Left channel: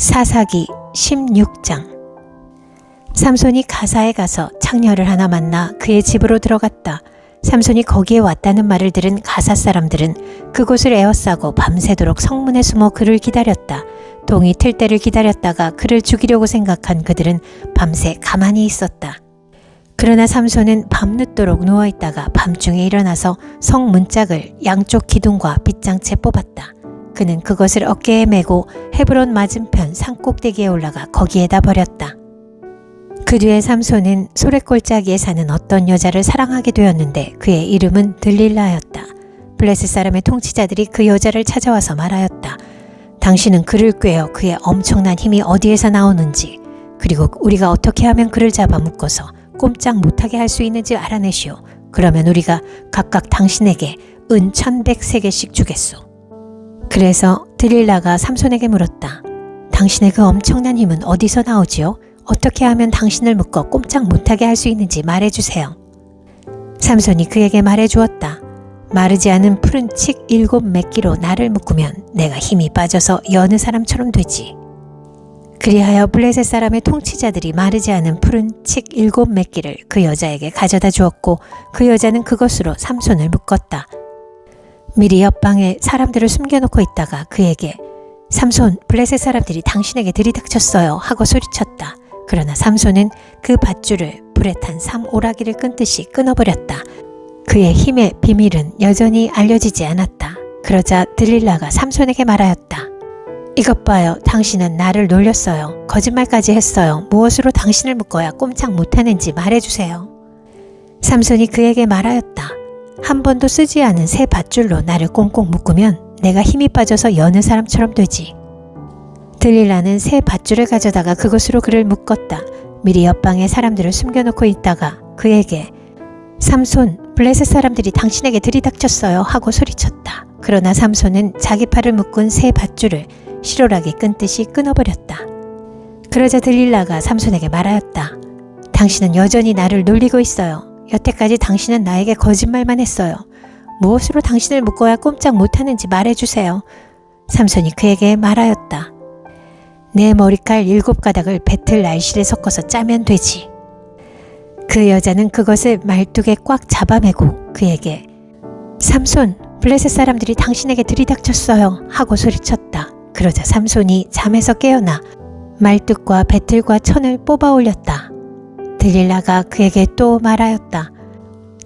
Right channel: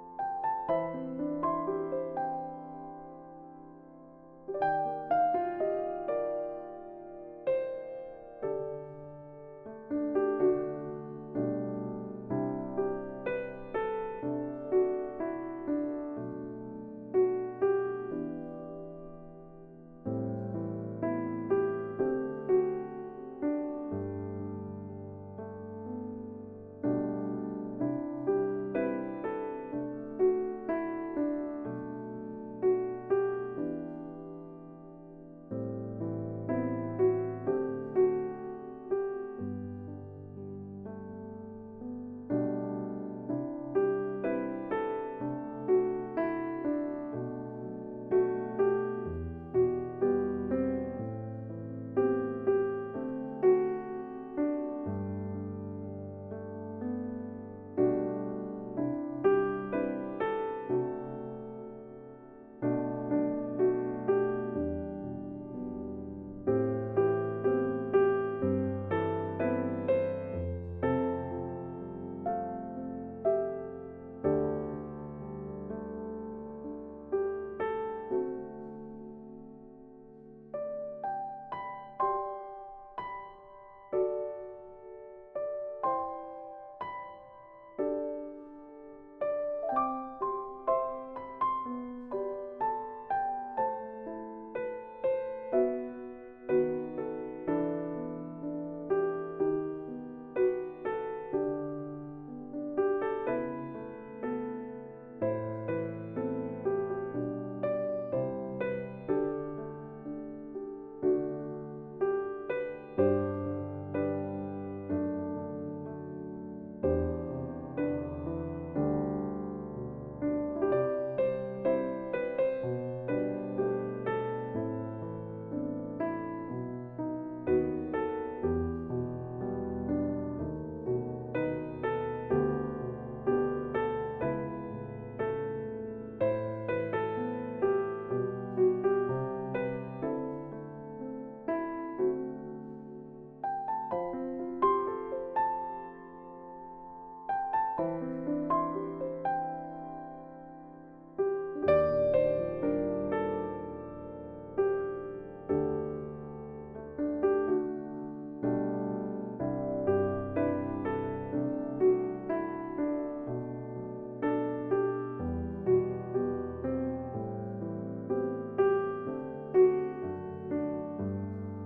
사사기 16장. 삼손이 가사에 가서 창녀를 하나 만나 그의 집으로 들어갔다. 삼손이 거기에 왔다는 말을 들은 가사 사람들은 그곳을 에워싸고 밤새도록 성문에 숨어 그를 기다렸다. 동이 틀 때를 기다렸다가 그를 죽이려고 생각한 그들은 밤새 가만히 있었다. 그러나 삼손은 밤늦도록 누워있다가 밤중에 일어나서 성 문짝을 양쪽 기둥과 빗장채 뽑았다. 그는 그것을 어깨에 메고 헤브론 맞은편 산꼭대기에 올라가 거기에다 버렸다. 그 뒤에 삼손은 소랫골짜기에 사는 어떤 여자를 사랑하게 되었는데 그의 이름은 들릴라였다. 블레셋 사람의 통치자들이 그 여자를 찾아와서 말하였다. 당신은 그를 꿰어 그의 엄청난 힘이 어디에서 나오는지, 그리고 우리가 어떻게 하면 그를 잡아 묶어서 꼼짝 못하게 할 수 있는지 알아내시오. 그러면 우리가 각각 당신에게 은 1,100세겔씩 주겠소. 그래서 들릴라가 삼손에게 물었다. 당신의 그 엄청난 힘은 어디서 나오지요? 어떻게 하면 당신을 묶어 꼼짝 못하게 할 수 있는지 말해주세요. 삼손이 그에게 말해주었다. 마르지 않은 푸른 칡 7매끼로 나를 묶으면 내가 힘이 빠져서 여느 사람처럼 되지. 그리하여 블레셋 사람의 통치자들이 마르지 않은 푸른 칡 7매끼를 그 여자에게 가져다 주었고 그 여자는 그것으로 삼손을 묶었다. 미리 옆방에 사람들을 숨겨놓고 있다가 그에게 삼손, 블레셋 사람들이 당신에게 들이닥쳤어요 하고 소리쳤다. 그러나 삼손은 그 밧줄을 불에 탄 삼오라기를 끊듯이 끊어버렸다. 그의 힘의 비밀은 여전히 알려지지 않았다. 그러자 들릴라가 삼손에게 말하였다. 이것 봐요. 당신은 나를 놀렸어요. 거짓말까지 했어요. 무엇으로 당신을 묶어야 꼼짝 못하는지 말해주세요. 삼손이 그에게 말하였다. 한 번도 쓰지 않은 새 밧줄로 나를 꽁꽁 묶으면 내가 힘이 빠져서 여느 사람처럼 되지. 들릴라는 새 밧줄을 가져다가 그것으로 그를 묶었다. 미리 옆방에 사람들을 숨겨놓고 있다가 그에게 삼손, 블레셋 사람들이 당신에게 들이닥쳤어요 하고 소리쳤다. 그러나 삼손은 자기 팔을 묶은 새 밧줄을 실오라기 끊듯이 끊어버렸다. 그러자 들릴라가 삼손에게 말하였다. 당신은 여전히 나를 놀리고 있어요. 여태까지 당신은 나에게 거짓말만 했어요. 무엇으로 당신을 묶어야 꼼짝 못하는지 말해주세요. 삼손이 그에게 말하였다. 내 머리칼 7가닥을 배틀 날실에 섞어서 짜면 되지. 그 여자는 그것을 말뚝에 꽉 잡아매고 그에게 삼손, 블레셋 사람들이 당신에게 들이닥쳤어요 하고 소리쳤다. 그러자 삼손이 잠에서 깨어나 말뚝과 배틀과 천을 뽑아 올렸다. 들릴라가 그에게 또 말하였다.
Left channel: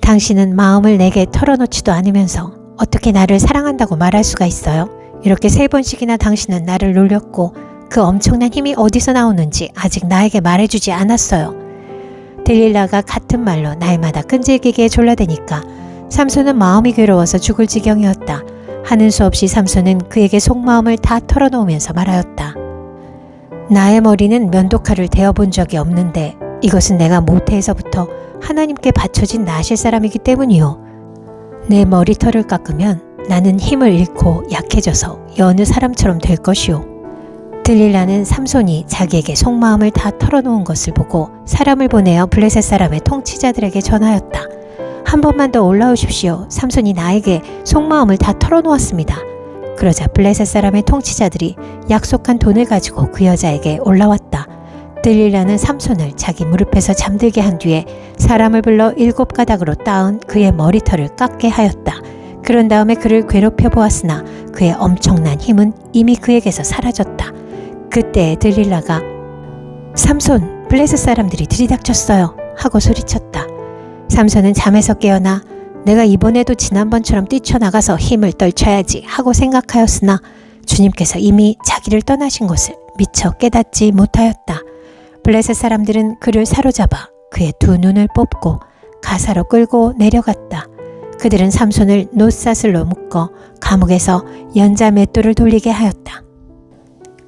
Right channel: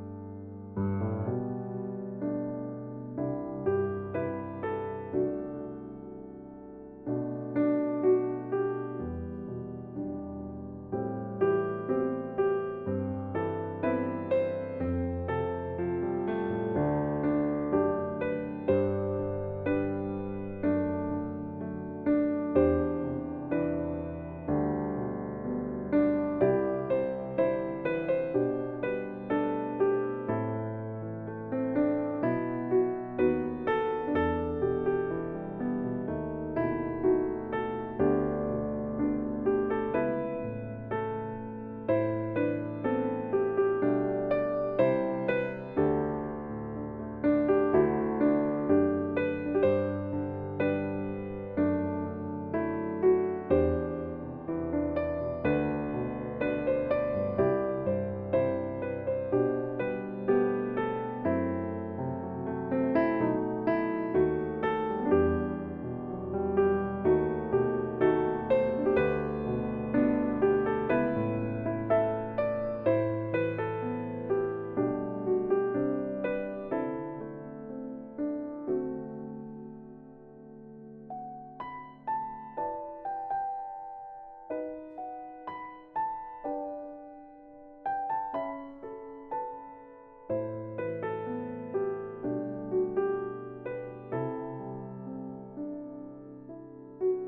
당신은 마음을 내게 털어놓지도 않으면서 어떻게 나를 사랑한다고 말할 수가 있어요? 이렇게 3번씩이나 당신은 나를 놀렸고 그 엄청난 힘이 어디서 나오는지 아직 나에게 말해주지 않았어요. 들릴라가 같은 말로 날마다 끈질기게 졸라대니까 삼손은 마음이 괴로워서 죽을 지경이었다. 하는 수 없이 삼손은 그에게 속마음을 다 털어놓으면서 말하였다. 나의 머리는 면도칼을 대어본 적이 없는데 이것은 내가 모태에서부터 하나님께 바쳐진 나실 사람이기 때문이요. 내 머리털을 깎으면 나는 힘을 잃고 약해져서 여느 사람처럼 될 것이요. 들릴라는 삼손이 자기에게 속마음을 다 털어놓은 것을 보고 사람을 보내어 블레셋 사람의 통치자들에게 전하였다. 한 번만 더 올라오십시오. 삼손이 나에게 속마음을 다 털어놓았습니다. 그러자 블레셋 사람의 통치자들이 약속한 돈을 가지고 그 여자에게 올라왔다. 들릴라는 삼손을 자기 무릎에서 잠들게 한 뒤에 사람을 불러 7가닥으로 따은 그의 머리털을 깎게 하였다. 그런 다음에 그를 괴롭혀 보았으나 그의 엄청난 힘은 이미 그에게서 사라졌다. 그때 들릴라가 삼손, 블레셋 사람들이 들이닥쳤어요 하고 소리쳤다. 삼손은 잠에서 깨어나 내가 이번에도 지난번처럼 뛰쳐나가서 힘을 떨쳐야지 하고 생각하였으나 주님께서 이미 자기를 떠나신 것을 미처 깨닫지 못하였다. 블레셋 사람들은 그를 사로잡아 그의 2눈을 뽑고 가사로 끌고 내려갔다. 그들은 삼손을 놋사슬로 묶어 감옥에서 연자 맷돌을 돌리게 하였다.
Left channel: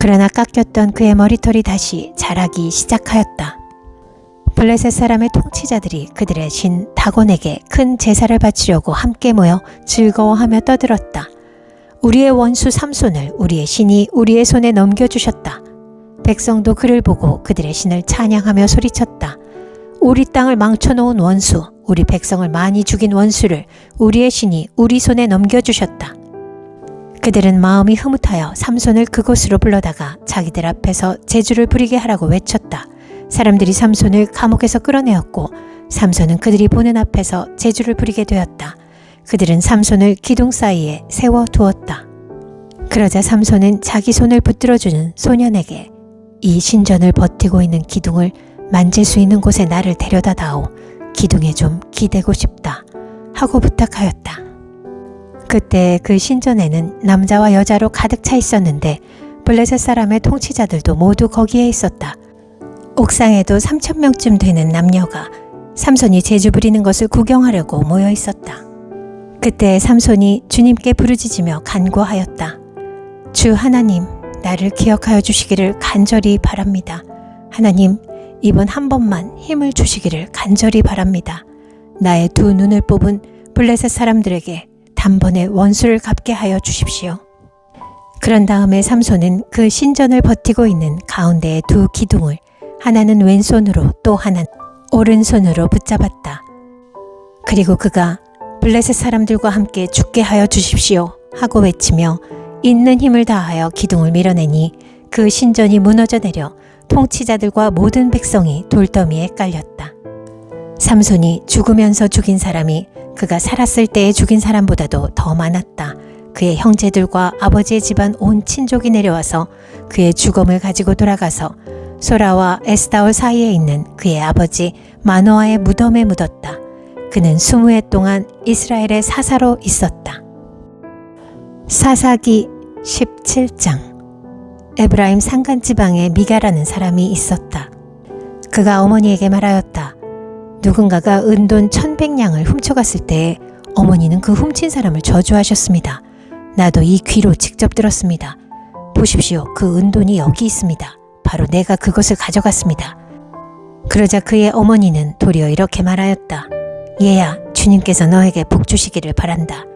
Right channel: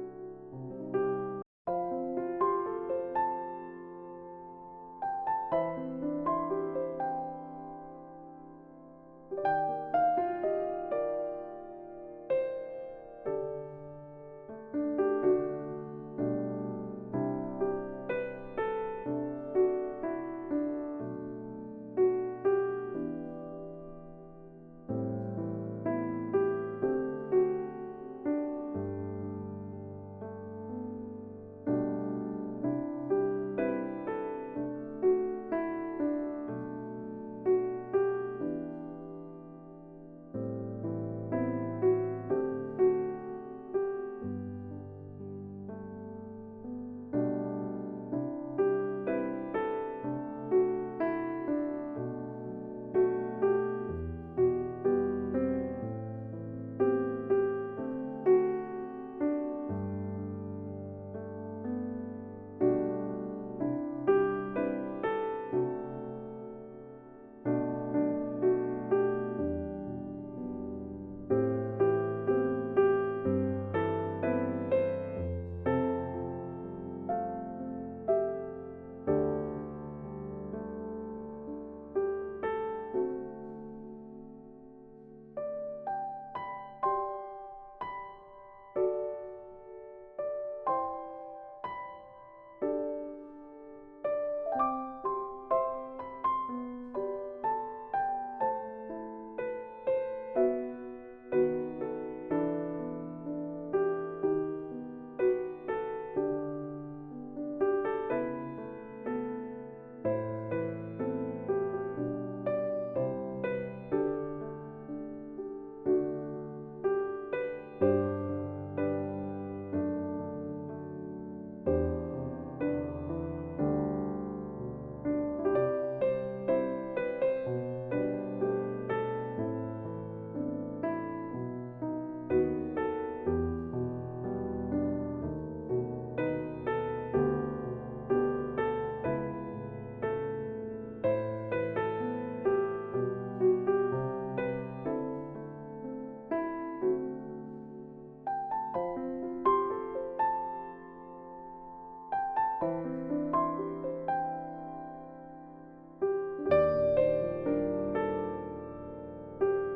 그러나 깎였던 그의 머리털이 다시 자라기 시작하였다. 블레셋 사람의 통치자들이 그들의 신 다곤에게 큰 제사를 바치려고 함께 모여 즐거워하며 떠들었다. 우리의 원수 삼손을 우리의 신이 우리의 손에 넘겨주셨다. 백성도 그를 보고 그들의 신을 찬양하며 소리쳤다. 우리 땅을 망쳐놓은 원수, 우리 백성을 많이 죽인 원수를 우리의 신이 우리 손에 넘겨주셨다. 그들은 마음이 흐뭇하여 삼손을 그곳으로 불러다가 자기들 앞에서 제주를 부리게 하라고 외쳤다. 사람들이 삼손을 감옥에서 끌어내었고 삼손은 그들이 보는 앞에서 제주를 부리게 되었다. 그들은 삼손을 기둥 사이에 세워두었다. 그러자 삼손은 자기 손을 붙들어주는 소년에게 이 신전을 버티고 있는 기둥을 만질 수 있는 곳에 나를 데려다 다오. 기둥에 좀 기대고 싶다 하고 부탁하였다. 그때 그 신전에는 남자와 여자로 가득 차 있었는데 블레셋 사람의 통치자들도 모두 거기에 있었다. 옥상에도 3,000명쯤 되는 남녀가 삼손이 제주 부리는 것을 구경하려고 모여 있었다. 그때 삼손이 주님께 부르짖으며 간구하였다. 주 하나님, 나를 기억하여 주시기를 간절히 바랍니다. 하나님, 이번 한 번만 힘을 주시기를 간절히 바랍니다. 나의 두 눈을 뽑은 블레셋 사람들에게 단번에 원수를 갚게 하여 주십시오. 그런 다음에 삼손은 그 신전을 버티고 있는 가운데의 두 기둥을 하나는 왼손으로 또 하나는 오른손으로 붙잡았다. 그리고 그가 블레셋 사람들과 함께 죽게 하여 주십시오 하고 외치며 있는 힘을 다하여 기둥을 밀어내니 그 신전이 무너져 내려 통치자들과 모든 백성이 돌더미에 깔렸다. 삼손이 죽으면서 죽인 사람이 그가 살았을 때에 죽인 사람보다도 더 많았다. 그의 형제들과 아버지의 집안 온 친족이 내려와서 그의 죽음을 가지고 돌아가서 소라와 에스다올 사이에 있는 그의 아버지 마노아의 무덤에 묻었다. 그는 20해 동안 이스라엘의 사사로 있었다. 사사기 17장. 에브라임 산간지방에 미가라는 사람이 있었다. 그가 어머니에게 말하였다. 누군가가 은돈 1,100냥을 훔쳐갔을 때에 어머니는 그 훔친 사람을 저주하셨습니다. 나도 이 귀로 직접 들었습니다. 보십시오. 그 은돈이 여기 있습니다. 바로 내가 그것을 가져갔습니다. 그러자 그의 어머니는 도리어 이렇게 말하였다. 얘야, 주님께서 너에게 복 주시기를 바란다.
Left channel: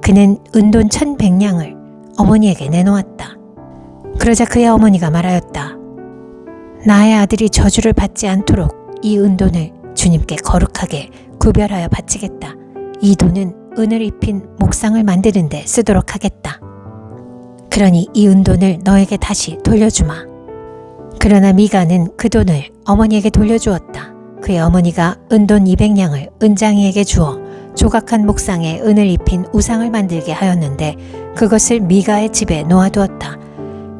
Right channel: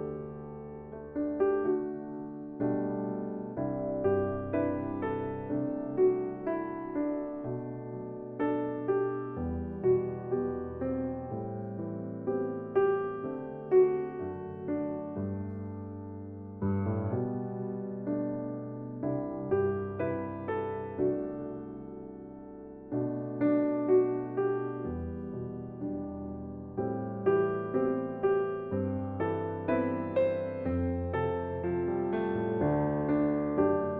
그는 은돈 1,100냥을 어머니에게 내놓았다. 그러자 그의 어머니가 말하였다. 나의 아들이 저주를 받지 않도록 이 은돈을 주님께 거룩하게 구별하여 바치겠다. 이 돈은 은을 입힌 목상을 만드는 데 쓰도록 하겠다. 그러니 이 은돈을 너에게 다시 돌려주마. 그러나 미가는 그 돈을 어머니에게 돌려주었다. 그의 어머니가 은돈 200냥을 은장이에게 주어 조각한 목상에 은을 입힌 우상을 만들게 하였는데 그것을 미가의 집에 놓아두었다.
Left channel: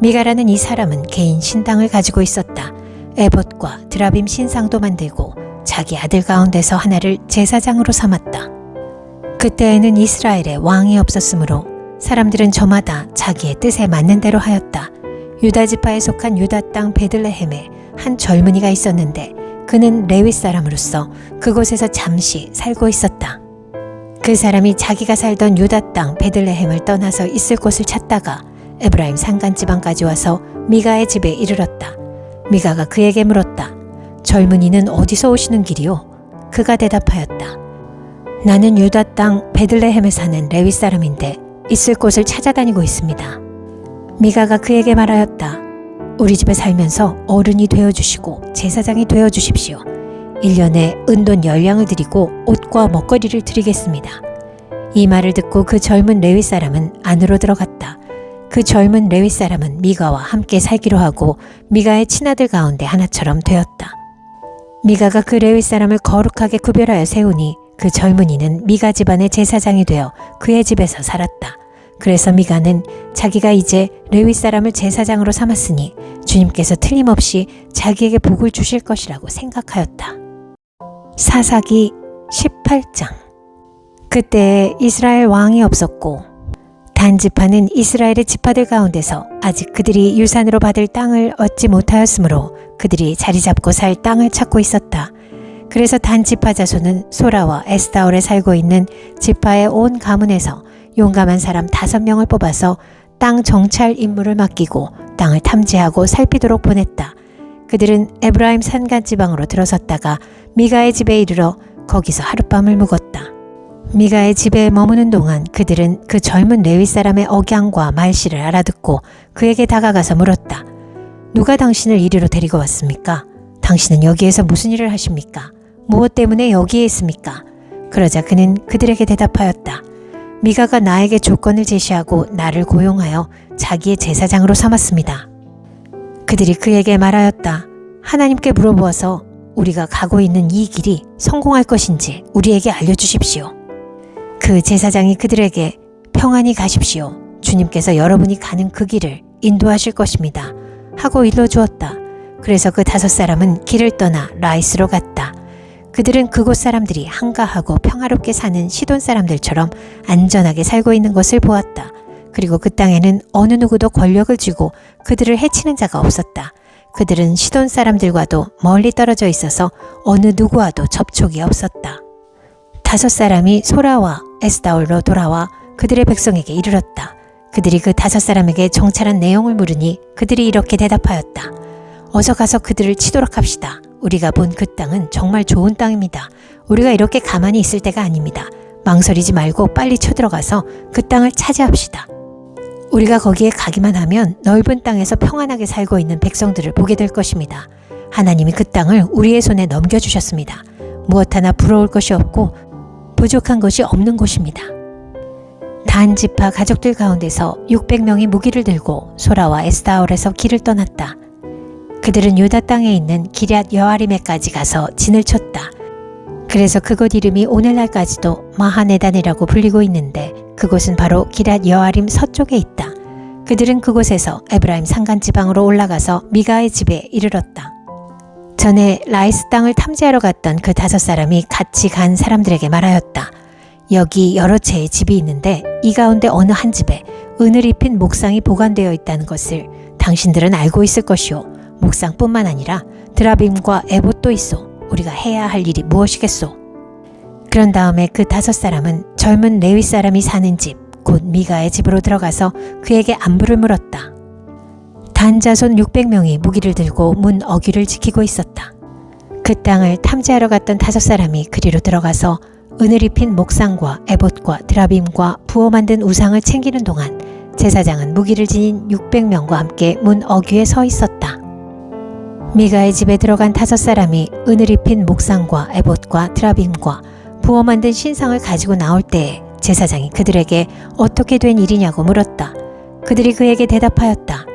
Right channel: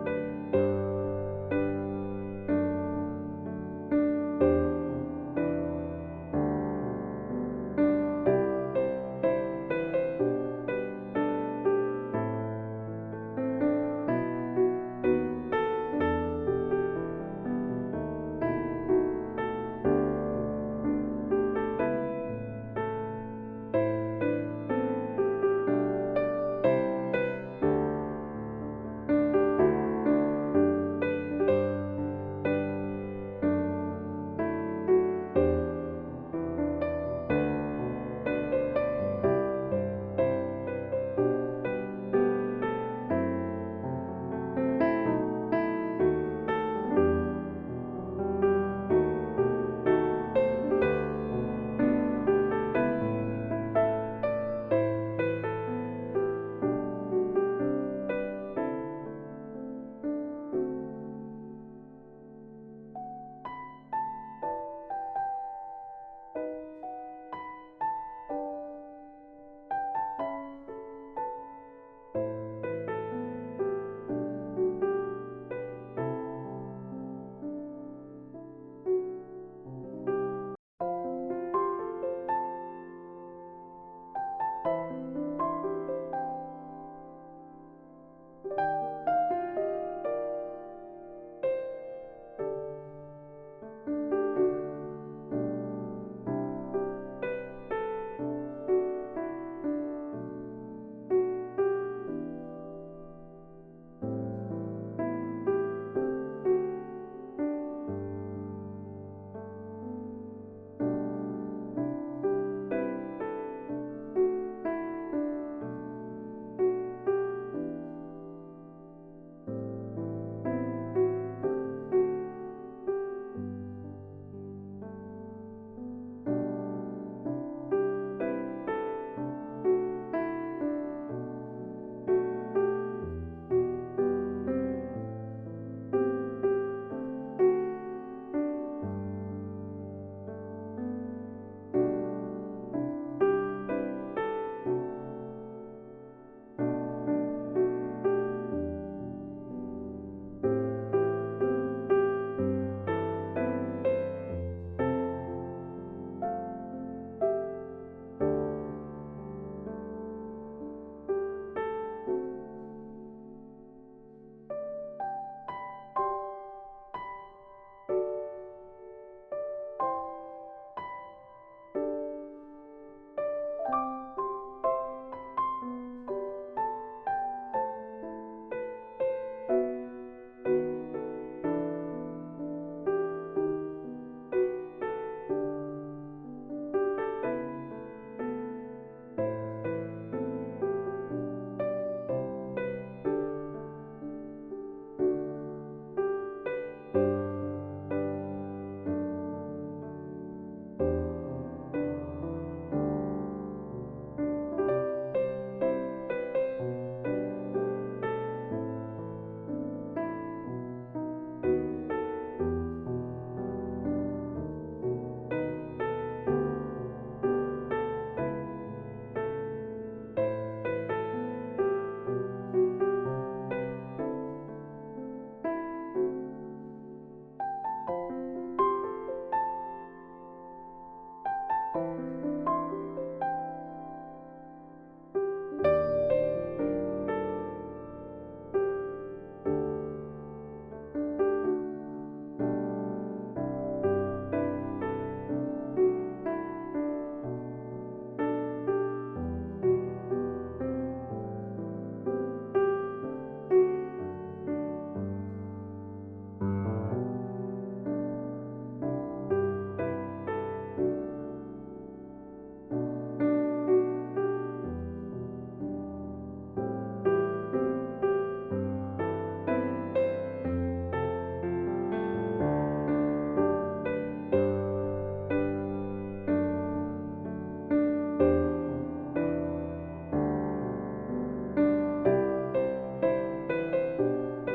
미가라는 이 사람은 개인 신당을 가지고 있었다. 에봇과 드라빔 신상도 만들고 자기 아들 가운데서 하나를 제사장으로 삼았다. 그때에는 이스라엘에 왕이 없었으므로 사람들은 저마다 자기의 뜻에 맞는 대로 하였다. 유다 지파에 속한 유다 땅 베들레헴에 한 젊은이가 있었는데 그는 레위 사람으로서 그곳에서 잠시 살고 있었다. 그 사람이 자기가 살던 유다 땅 베들레헴을 떠나서 있을 곳을 찾다가 에브라임 산간지방까지 와서 미가의 집에 이르렀다. 미가가 그에게 물었다. 젊은이는 어디서 오시는 길이요? 그가 대답하였다. 나는 유다 땅 베들레헴에 사는 레위 사람인데 있을 곳을 찾아다니고 있습니다. 미가가 그에게 말하였다. 우리 집에 살면서 어른이 되어주시고 제사장이 되어주십시오. 1년에 은돈 10냥을 드리고 옷과 먹거리를 드리겠습니다. 이 말을 듣고 그 젊은 레위 사람은 안으로 들어갔다. 그 젊은 레위 사람은 미가와 함께 살기로 하고 미가의 친아들 가운데 하나처럼 되었다. 미가가 그 레위 사람을 거룩하게 구별하여 세우니 그 젊은이는 미가 집안의 제사장이 되어 그의 집에서 살았다. 그래서 미가는 자기가 이제 레위 사람을 제사장으로 삼았으니 주님께서 틀림없이 자기에게 복을 주실 것이라고 생각하였다. 사사기 18장. 그때 이스라엘 왕이 없었고 단 지파는 이스라엘의 지파들 가운데서 아직 그들이 유산으로 받을 땅을 얻지 못하였으므로 그들이 자리 잡고 살 땅을 찾고 있었다. 그래서 단 지파 자손은 소라와 에스다올에 살고 있는 지파의 온 가문에서 용감한 사람 5명을 뽑아서 땅 정찰 임무를 맡기고 땅을 탐지하고 살피도록 보냈다. 그들은 에브라임 산간 지방으로 들어섰다가 미가의 집에 이르러 거기서 하룻밤을 묵었다. 미가의 집에 머무는 동안 그들은 그 젊은 레위 사람의 억양과 말씨를 알아듣고 그에게 다가가서 물었다. 누가 당신을 이리로 데리고 왔습니까? 당신은 여기에서 무슨 일을 하십니까? 무엇 때문에 여기에 있습니까? 그러자 그는 그들에게 대답하였다. 미가가 나에게 조건을 제시하고 나를 고용하여 자기의 제사장으로 삼았습니다. 그들이 그에게 말하였다. 하나님께 물어보아서 우리가 가고 있는 이 길이 성공할 것인지 우리에게 알려주십시오. 그 제사장이 그들에게 평안히 가십시오. 주님께서 여러분이 가는 그 길을 인도하실 것입니다. 하고 일러주었다. 그래서 그 5사람은 길을 떠나 라이스로 갔다. 그들은 그곳 사람들이 한가하고 평화롭게 사는 시돈 사람들처럼 안전하게 살고 있는 것을 보았다. 그리고 그 땅에는 어느 누구도 권력을 쥐고 그들을 해치는 자가 없었다. 그들은 시돈 사람들과도 멀리 떨어져 있어서 어느 누구와도 접촉이 없었다. 5사람이 소라와 에스다올로 돌아와 그들의 백성에게 이르렀다. 그들이 그 5사람에게 정찰한 내용을 물으니 그들이 이렇게 대답하였다. 어서 가서 그들을 치도록 합시다. 우리가 본 그 땅은 정말 좋은 땅입니다. 우리가 이렇게 가만히 있을 때가 아닙니다. 망설이지 말고 빨리 쳐들어가서 그 땅을 차지합시다. 우리가 거기에 가기만 하면 넓은 땅에서 평안하게 살고 있는 백성들을 보게 될 것입니다. 하나님이 그 땅을 우리의 손에 넘겨주셨습니다. 무엇 하나 부러울 것이 없고 부족한 것이 없는 곳입니다. 단 지파 가족들 가운데서 600명이 무기를 들고 소라와 에스다올에서 길을 떠났다. 그들은 유다 땅에 있는 기럇 여아림에까지 가서 진을 쳤다. 그래서 그곳 이름이 오늘날까지도 마하네단이라고 불리고 있는데 그곳은 바로 기럇 여아림 서쪽에 있다. 그들은 그곳에서 에브라임 산간지방으로 올라가서 미가의 집에 이르렀다. 전에 라이스 땅을 탐지하러 갔던 그 5사람이 같이 간 사람들에게 말하였다. 여기 여러 채의 집이 있는데 이 가운데 어느 한 집에 은을 입힌 목상이 보관되어 있다는 것을 당신들은 알고 있을 것이오. 목상뿐만 아니라 드라빔과 에봇도 있어. 우리가 해야 할 일이 무엇이겠소? 그런 다음에 그 5사람은 젊은 레위 사람이 사는 집, 곧 미가의 집으로 들어가서 그에게 안부를 물었다. 단 자손 600명이 무기를 들고 문 어귀를 지키고 있었다. 그 땅을 탐지하러 갔던 5사람이 그리로 들어가서 은을 입힌 목상과 에봇과 드라빔과 부어 만든 우상을 챙기는 동안 제사장은 무기를 지닌 600명과 함께 문 어귀에 서 있었다. 미가의 집에 들어간 5사람이 은을 입힌 목상과 에봇과 드라빔과 부어 만든 신상을 가지고 나올 때에 제사장이 그들에게 어떻게 된 일이냐고 물었다. 그들이 그에게 대답하였다.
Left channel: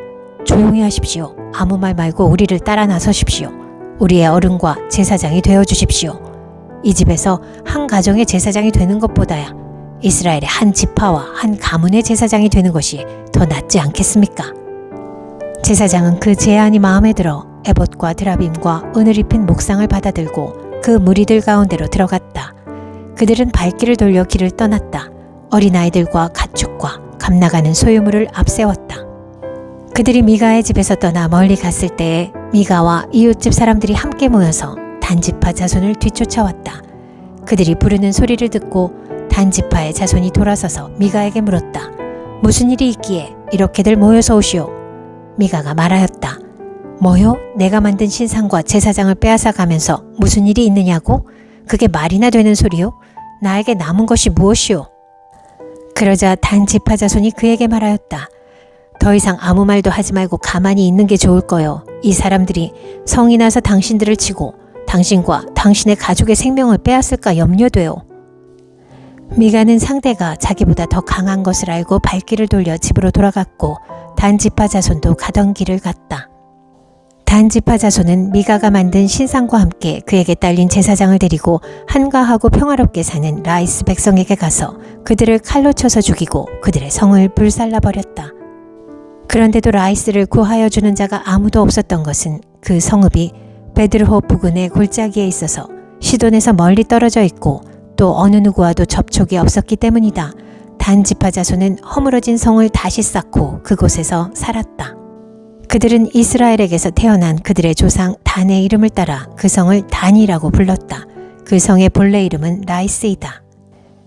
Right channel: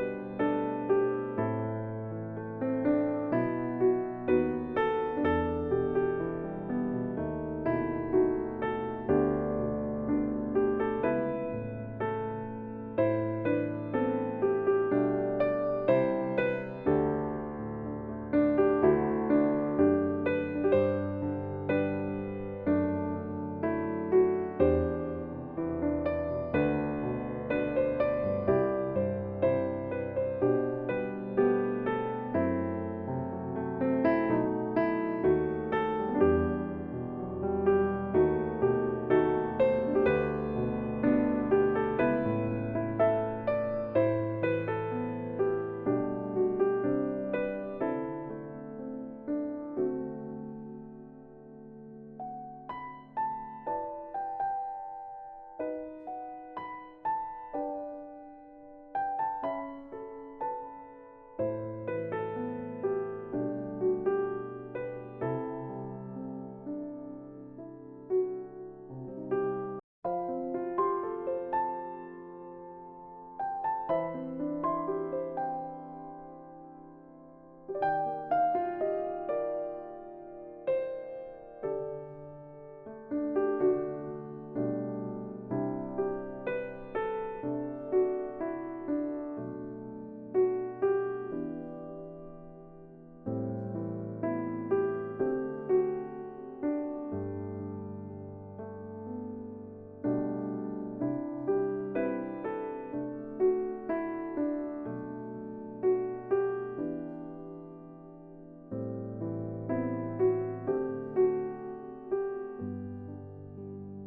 조용히 하십시오. 아무 말 말고 우리를 따라 나서십시오. 우리의 어른과 제사장이 되어주십시오. 이 집에서 한 가정의 제사장이 되는 것보다야 이스라엘의 한 지파와 한 가문의 제사장이 되는 것이 더 낫지 않겠습니까? 제사장은 그 제안이 마음에 들어 에봇과 드라빔과 은을 입힌 목상을 받아들고 그 무리들 가운데로 들어갔다. 그들은 발길을 돌려 길을 떠났다. 어린아이들과 가축과 감나가는 소유물을 앞세웠다. 그들이 미가의 집에서 떠나 멀리 갔을 때에 미가와 이웃집 사람들이 함께 모여서 단지파 자손을 뒤쫓아왔다. 그들이 부르는 소리를 듣고 단지파의 자손이 돌아서서 미가에게 물었다. 무슨 일이 있기에 이렇게들 모여서 오시오? 미가가 말하였다. 뭐요? 내가 만든 신상과 제사장을 빼앗아 가면서 무슨 일이 있느냐고? 그게 말이나 되는 소리요? 나에게 남은 것이 무엇이오? 그러자 단지파 자손이 그에게 말하였다. 더 이상 아무 말도 하지 말고 가만히 있는 게 좋을 거요. 이 사람들이 성이 나서 당신들을 치고 당신과 당신의 가족의 생명을 빼앗을까 염려돼요. 미가는 상대가 자기보다 더 강한 것을 알고 발길을 돌려 집으로 돌아갔고 단지파 자손도 가던 길을 갔다. 단지파 자손은 미가가 만든 신상과 함께 그에게 딸린 제사장을 데리고 한가하고 평화롭게 사는 라이스 백성에게 가서 그들을 칼로 쳐서 죽이고 그들의 성을 불살라버렸다. 그런데도 라이스를 구하여 주는 자가 아무도 없었던 것은 그 성읍이 베드르호 부근의 골짜기에 있어서 시돈에서 멀리 떨어져 있고 또 어느 누구와도 접촉이 없었기 때문이다. 단지파 자손은 허물어진 성을 다시 쌓고 그곳에서 살았다. 그들은 이스라엘에게서 태어난 그들의 조상 단의 이름을 따라 그 성을 단이라고 불렀다. 그 성의 본래 이름은 라이스이다.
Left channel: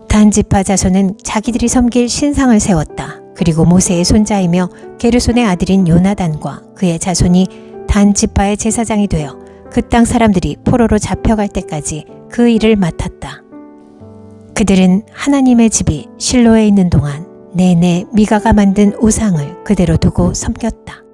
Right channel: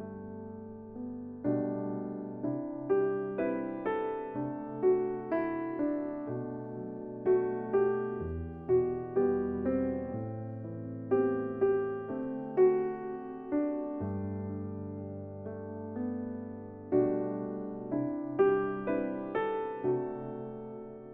단지파 자손은 자기들이 섬길 신상을 세웠다. 그리고 모세의 손자이며 게르손의 아들인 요나단과 그의 자손이 단지파의 제사장이 되어 그 땅 사람들이 포로로 잡혀갈 때까지 그 일을 맡았다. 그들은 하나님의 집이 실로에 있는 동안 내내 미가가 만든 우상을 그대로 두고 섬겼다.